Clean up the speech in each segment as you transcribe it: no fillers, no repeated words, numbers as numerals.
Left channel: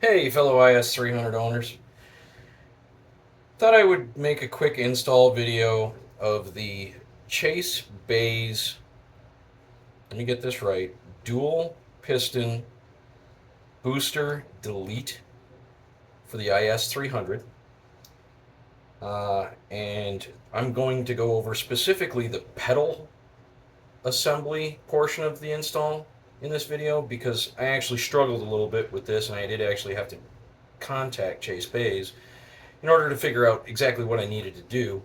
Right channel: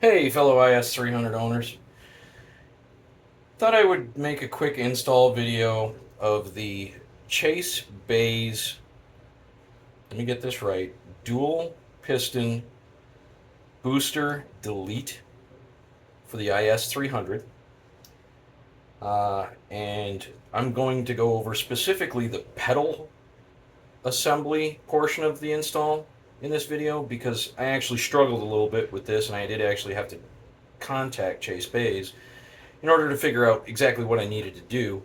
Hey, fellow IS300 owners. Thought I would make a quick install video of the Chase Bays, let me get this right, dual piston booster delete for the IS300. And I'm going to go over specifically the pedal assembly portion of the install in this video because I actually struggled a little bit with this and I did actually have to contact Chase Bays in order to figure out exactly what I needed to do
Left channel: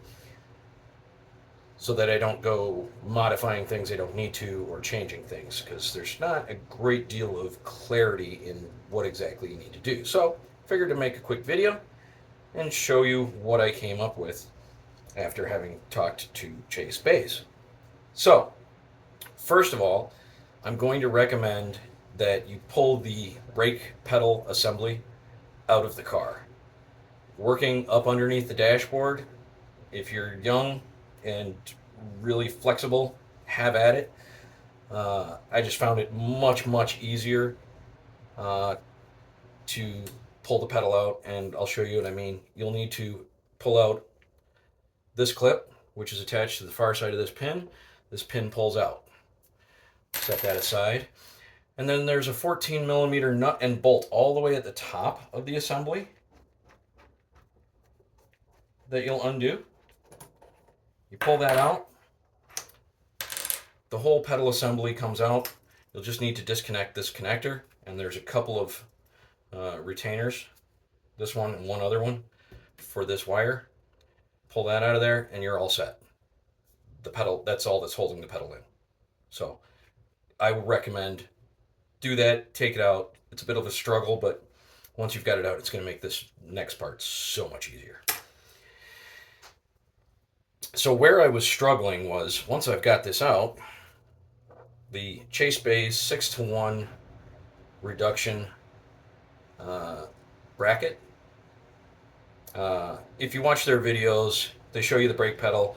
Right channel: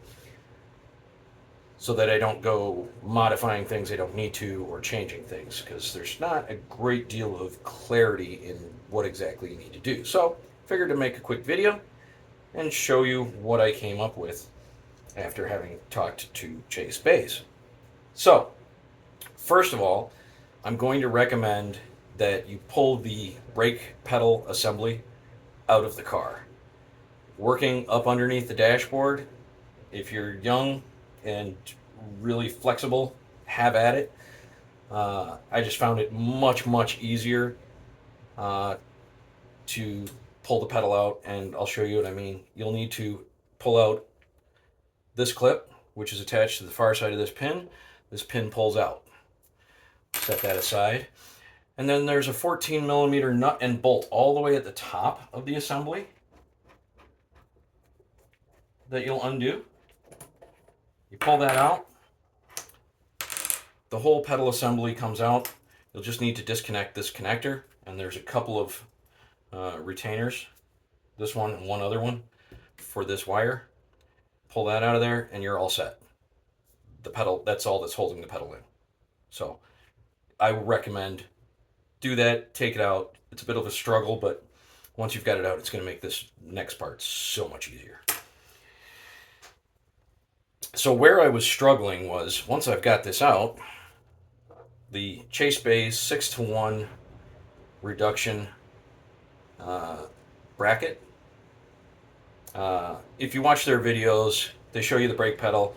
so that I don't go modifying things I don't need to or changing things because there's not a great deal of clarity in what exactly you need to do. So, figured to make a quick video and show you what I came up with after having talked to Chase Bays. So, first of all, I'm going to recommend that you pull the brake pedal assembly out of the car. Working up underneath the dashboard, if you're young and really flexible, have at it. I just found it much easier uh, to pull the pedal out, and I'll show you what I mean. You'll need to pull out this clip, which is attached to the far side of this pin. This pin pulls out. Set that aside. And then there's a 14 millimeter nut and bolt all the way at the top of the assembly that you'll undo. You pull that out, the whole pedal assembly comes out. You'll just need to disconnect this connector, and there's a couple of retainers, this one and one other one for this wire. Pull that out of there, and you're all set. The pedal, that's all that's holding the pedal in. So I would recommend do that, take it out. It's a bit of a struggle, but once you've got it out, it's going to make this next part so much easier. So where I was struggling was once I've got this out, the Chase Bays 6-to-1 reduction bracket. If you watch their videos, they show you the brake pedal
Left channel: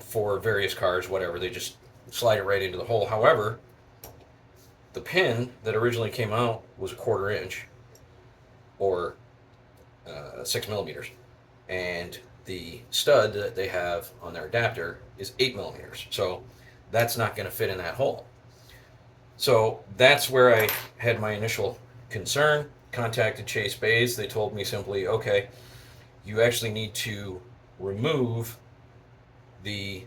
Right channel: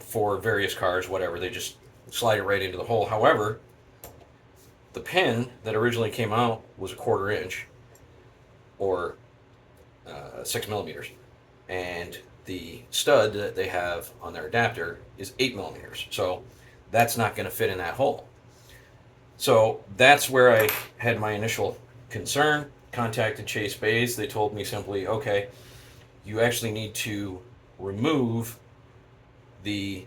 for various cars, whatever. They just slide it right into the hole. However, the pin that originally came out was a 1/4 inch or 6 millimeters, and the stud that they have on their adapter is 8 millimeters. So that's not going to fit in that hole. So that's where I had my initial concern. Contacted Chase Bays. They told me simply, okay, you actually need to remove the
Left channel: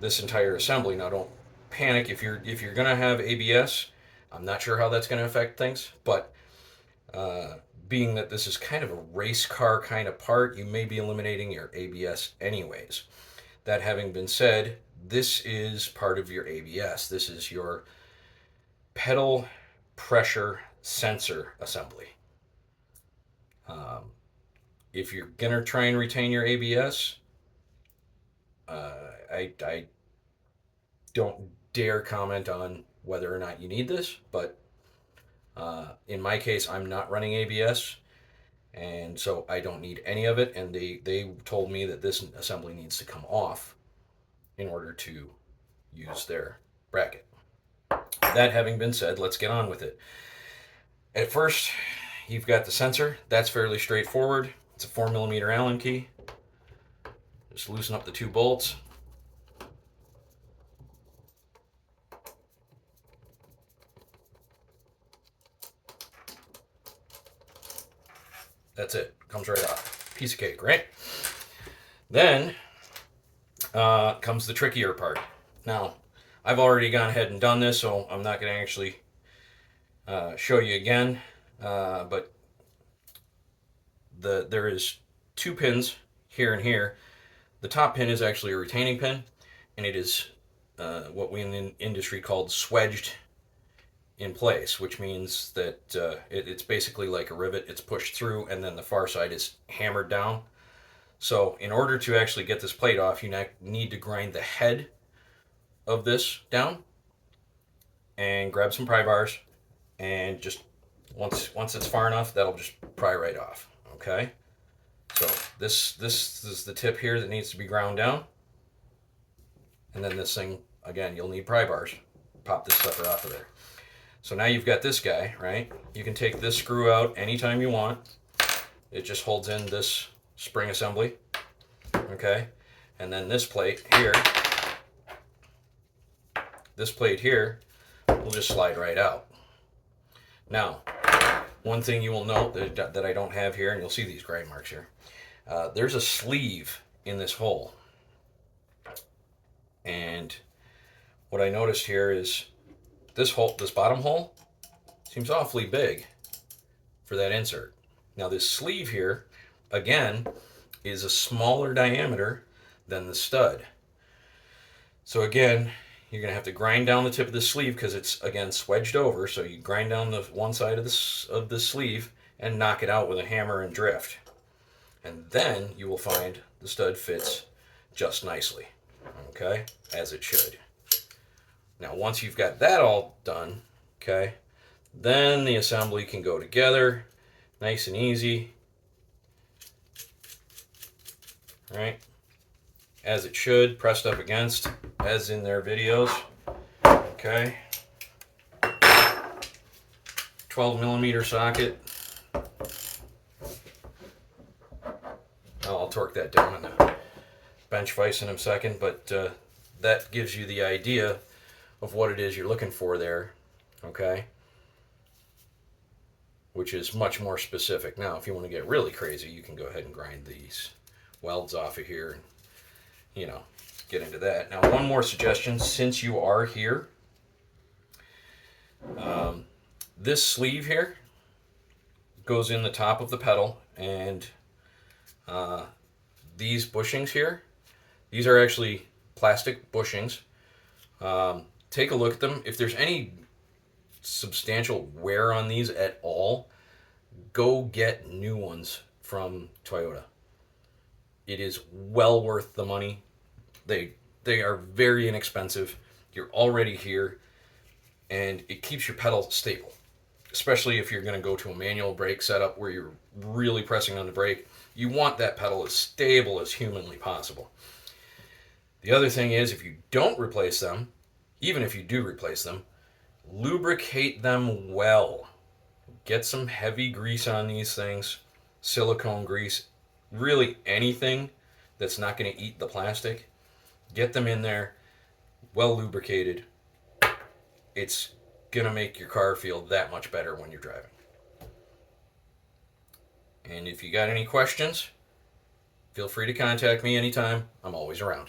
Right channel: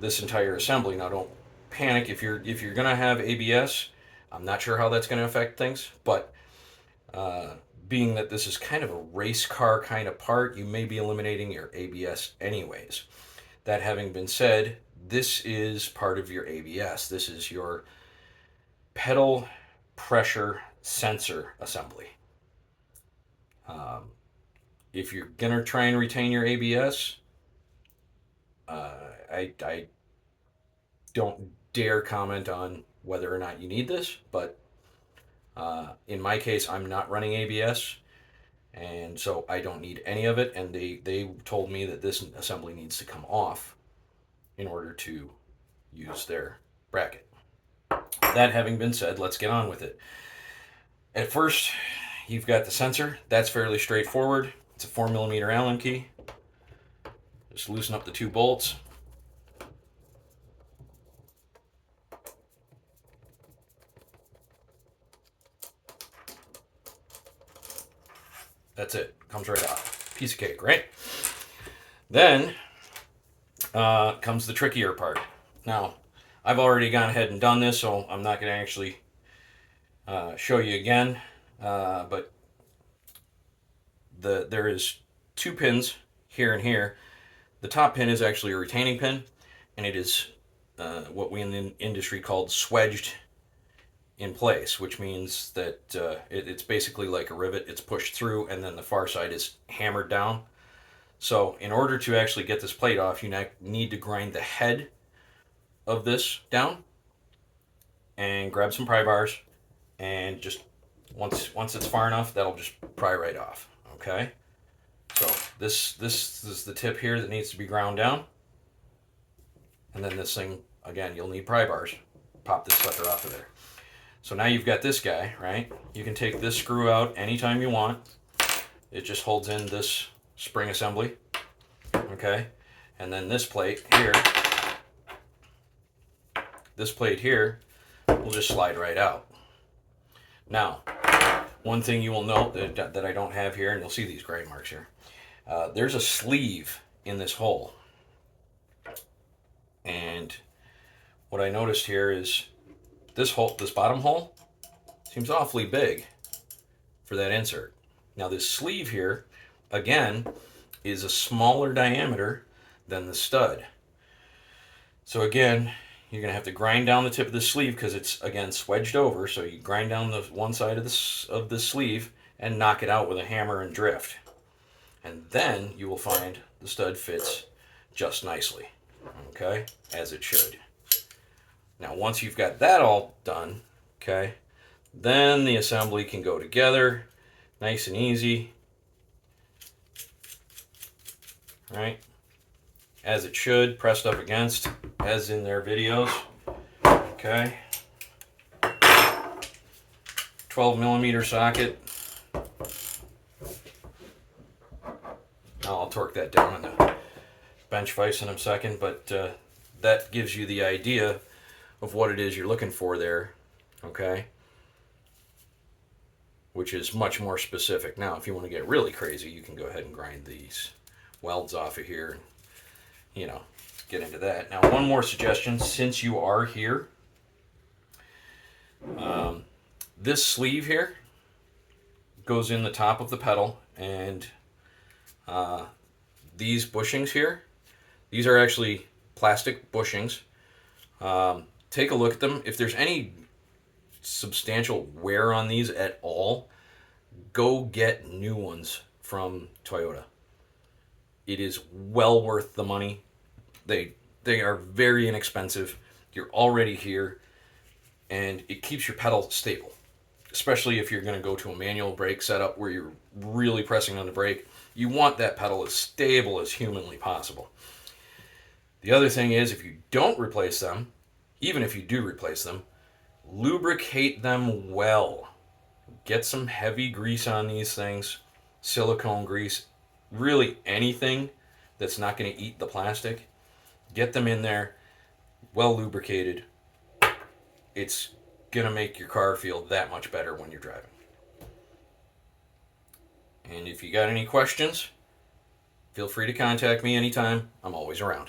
this entire assembly. Now, don't panic if you're gonna have ABS. I'm not sure how that's going to affect things, but being that this is kind of a race car kind of part, you may be eliminating your ABS anyways. That having been said, this is part of your ABS. This is your pedal pressure sensor assembly. Um, if you're gonna try and retain your ABS, I don't dare comment on whether or not you need this, but in my case, I'm not running ABS, and so I don't need any of it. And they told me that this assembly needs to come off in order to use their bracket. That having been said, let's get on with it. At first, you've got the sensor. That's fairly straightforward. It's a 4 millimeter Allen key. Just loosen up the two bolts. That's it. Comes right off. Piece of cake, right? Then comes the trickier part. Now, I've already gone ahead and done this, so I'm not going to actually show you again. But there is two pins here and here. The top pin is actually a retaining pin, and it is what we in the industry called swedged in place, which means that it's basically like a rivet. It's pushed through, and then the far side is hammered down. So in order to actually get this plate off, you need to grind the head of this down and grab some pry bars, and just once it's far enough, that'll just pry right off. Okay. So this is the tip here that needs to be ground down, and then this thing again, you'll need pry bars. Pop this sucker off of there. So now you've got this guy, right? You can take this screw out anytime you want. It just holds in this spring assembly, okay? And then this plate here will just slide right out. Now, one thing you will note that I don't have here, and you'll see these gray marks here, there's a sleeve in this hole. And what I noticed here is this bottom hole seems awfully big for that insert. Now this sleeve here, again, is a smaller diameter than the stud. So again, you're going to have to grind down the tip of the sleeve because it's, again, swedged over. So you grind down the one side of the sleeve and knock it out with a hammer and drift. And then you will find the stud fits just nicely, okay, as it should. Now once you've got that all done, okay, then the assembly can go together nice and easy, right, as it should, pressed up against, as in their videos, okay. 12mm socket. I'll torque that down on the bench vise in a second, but that gives you the idea of what it is you're looking for there, okay, which is much more specific. Now, if you want to get really crazy, you can go ahead and grind these welds off of here, you know, get into that. Now, one more suggestion, since you are here, this sleeve here goes in the top of the pedal, and these bushings here, these are actually plastic bushings. Take a look at them. If there's any substantial wear on these at all, go get new ones from Toyota. It is well worth the money. They are very inexpensive. You're already here, and it keeps your pedal stable, especially if you're going to go to a manual brake setup where you're really pressing on the brake. You want that pedal as stable as humanly possible. The other thing is, if you don't replace them, even if you do replace them, lubricate them well. Get some heavy grease on these things, silicone grease, really anything that's not going to eat the plastic. Get them in there, well lubricated. It's going to make your car feel that much better when you're driving. And if you got any questions, feel free to contact me anytime. I'm always around.